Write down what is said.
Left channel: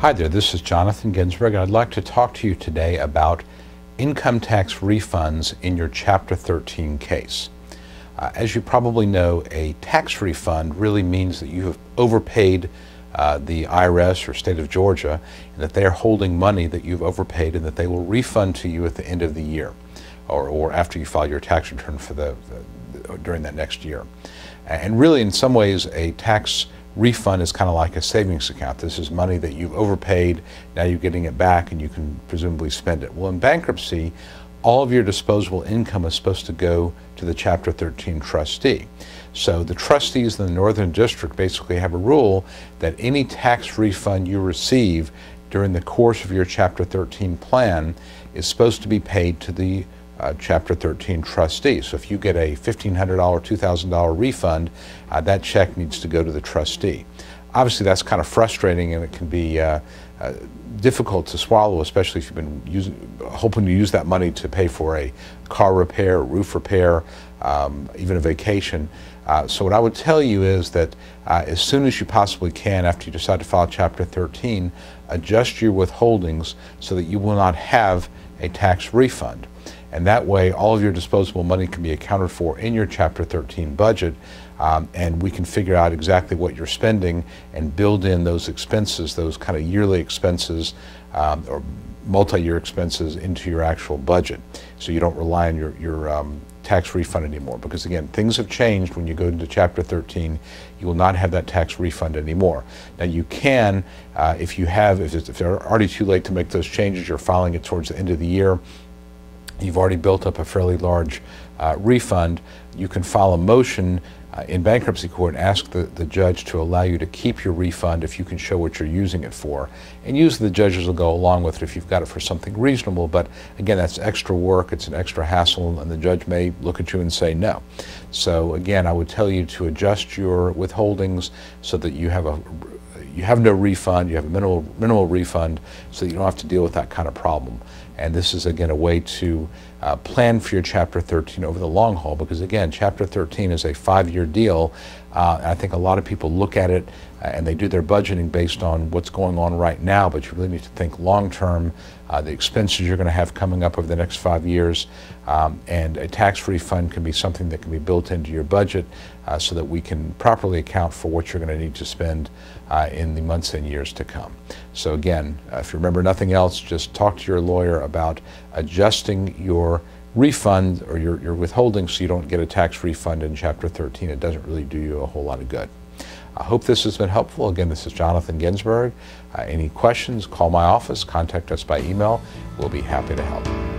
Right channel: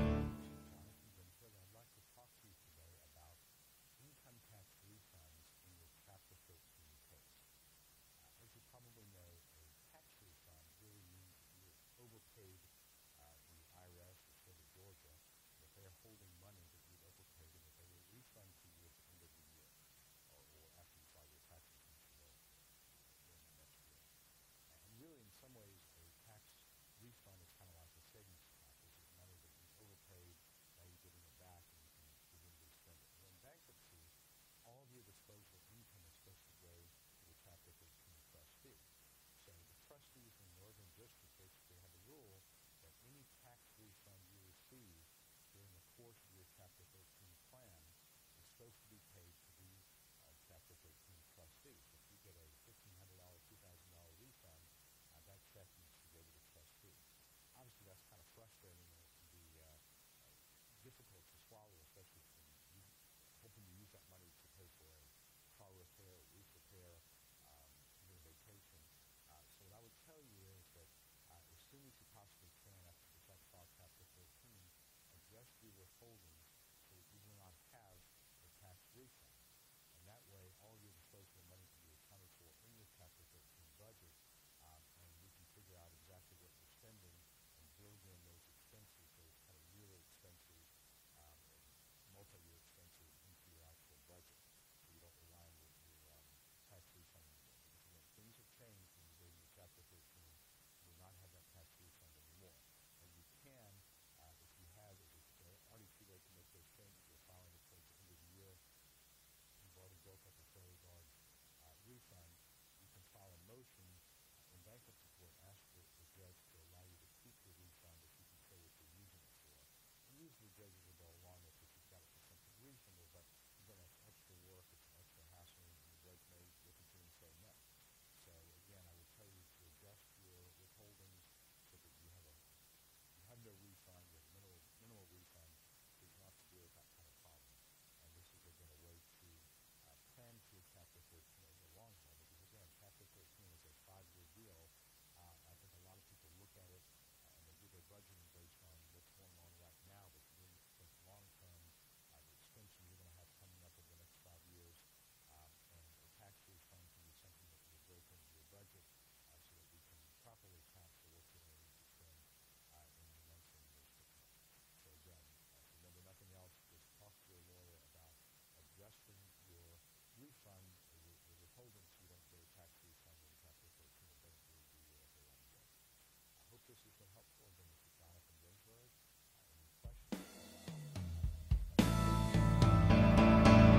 Hi there, this is Jonathan Ginsberg, and I'd like to talk to you today about income tax refunds in your Chapter 13 case. As you probably know, a tax refund really means that you have overpaid the IRS or state of Georgia, and that they are holding money that you've overpaid and that they will refund to you at the end of the year or after you file your tax return for during that next year. And really, in some ways, a tax refund is kind of like a savings account. This is money that you've overpaid, now you're getting it back and you can presumably spend it. Well, in bankruptcy, all of your disposable income is supposed to go to the Chapter 13 trustee. So the trustees in the Northern District basically have a rule that any tax refund you receive during the course of your Chapter 13 plan is supposed to be paid to the Chapter 13 trustee. So if you get a $1,500, $2,000 refund, that check needs to go to the trustee. Obviously, that's kind of frustrating, and it can be difficult to swallow, especially if you've been hoping to use that money to pay for a car repair, roof repair, even a vacation. So what I would tell you is that as soon as you possibly can, after you decide to file Chapter 13, adjust your withholdings so that you will not have a tax refund. And that way, all of your disposable money can be accounted for in your Chapter 13 budget, and we can figure out exactly what you're spending and build in those expenses, those kind of yearly expenses or multi-year expenses into your actual budget, so you don't rely on your tax refund anymore. Because again, things have changed when you go into Chapter 13. You will not have that tax refund anymore. Now you can, if it's already too late to make those changes, you're filing it towards the end of the year, you've already built up a fairly large refund, you can file a motion in bankruptcy court and ask the judge to allow you to keep your refund if you can show what you're using it for. And usually the judges will go along with it if you've got it for something reasonable, but again, that's extra work, it's an extra hassle, and the judge may look at you and say no. So again, I would tell you to adjust your withholdings so that you have no refund, you have a minimal refund, so that you don't have to deal with that kind of problem. And this is, again, a way to plan for your Chapter 13 over the long haul, because again, Chapter 13 is a 5-year deal. I think a lot of people look at it and they do their budgeting based on what's going on right now, but you really need to think long term, the expenses you're going to have coming up over the next 5 years, and a tax refund can be something that can be built into your budget so that we can properly account for what you're going to need to spend in the months and years to come. So again, if you remember nothing else, just talk to your lawyer about adjusting your refund or your withholding so you don't get a tax refund in Chapter 13. It doesn't really do you a whole lot of good. I hope this has been helpful. Again, this is Jonathan Ginsberg. Any questions, call my office, contact us by email. We'll be happy to help.